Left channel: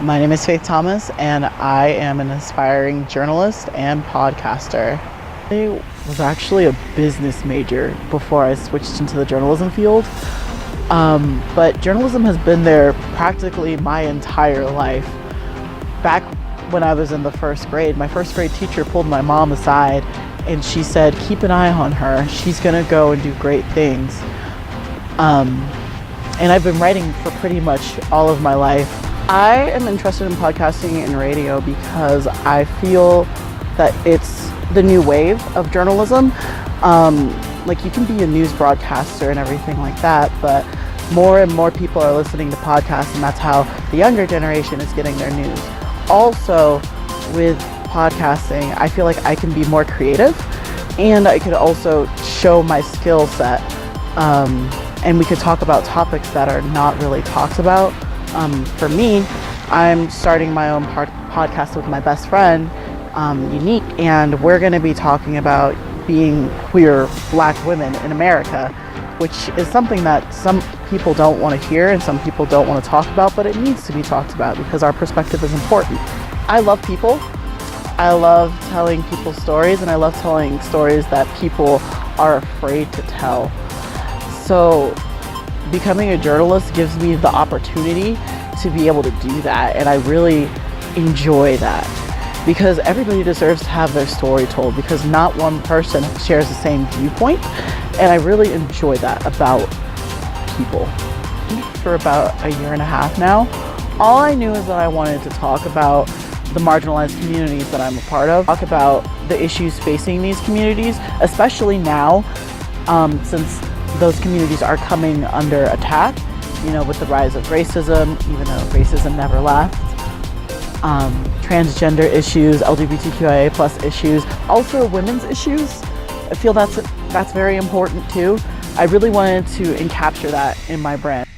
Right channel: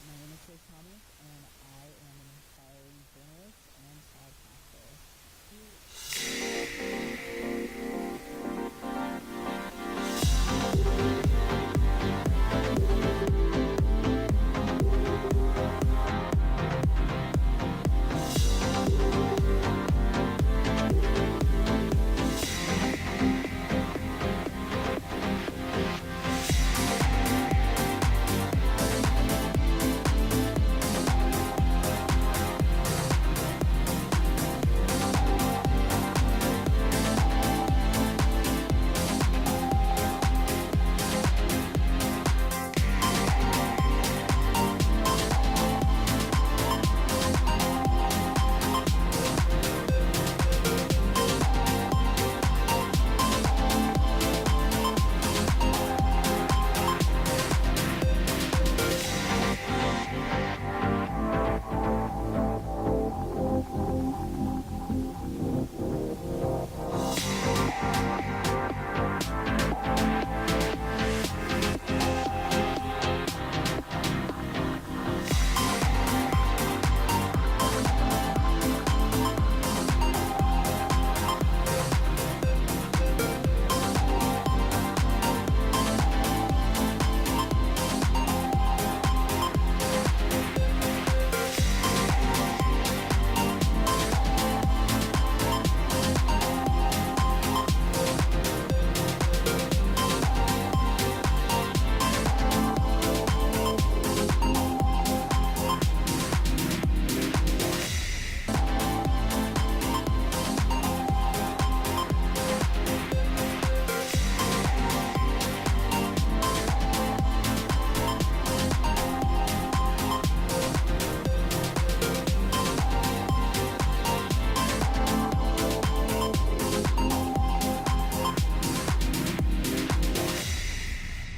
My name is Faith Thomas, and I am an aspiring journalist and podcaster. I was actually a business major before I switched into the journalism field, but journalism has been there practically my entire life. Back when I was in the first grade, my first grade teacher pulled my mom aside and she said, keep an eye on her. She's gonna go and do great things. And I've been writing for pretty much all of my life. I am interested in podcasting and radio because I feel that it's the new wave of journalism. Like, you can be a news broadcaster and everything like that, but more and more people are listening to podcasts, and that's how the younger generation is getting their news. Also, with podcasting, I feel like I can be more creative, and I could also show my skill set, and we could talk about topics that are not really talked about. For me, I'm starting my own podcast with my best friend, Unique, and we're going to be talking about being queer Black women in America, which is something that some people don't want to hear and some people don't want to talk about, but it needs to be talked about because our perspective is important. I love people. I love telling people stories, and I love telling stories that people are afraid to tell. So becoming a journalist gives me the opportunity to be able to do that, and I really enjoy that because everybody deserves to have their story told, because not one person shares the same viewpoint, and I really enjoy that about people. For about a year and a half now, all I knew is that I wanted to talk about the marginalized communities that I'm a part of, talk about the issues facing these communities, especially now, since those communities are coming under attack, with the rise of racism, even though racism never left, transgender issues, LGBTQIA plus issues, also women's issues. I feel that's very important too. I really wanted to encapture that in my brand.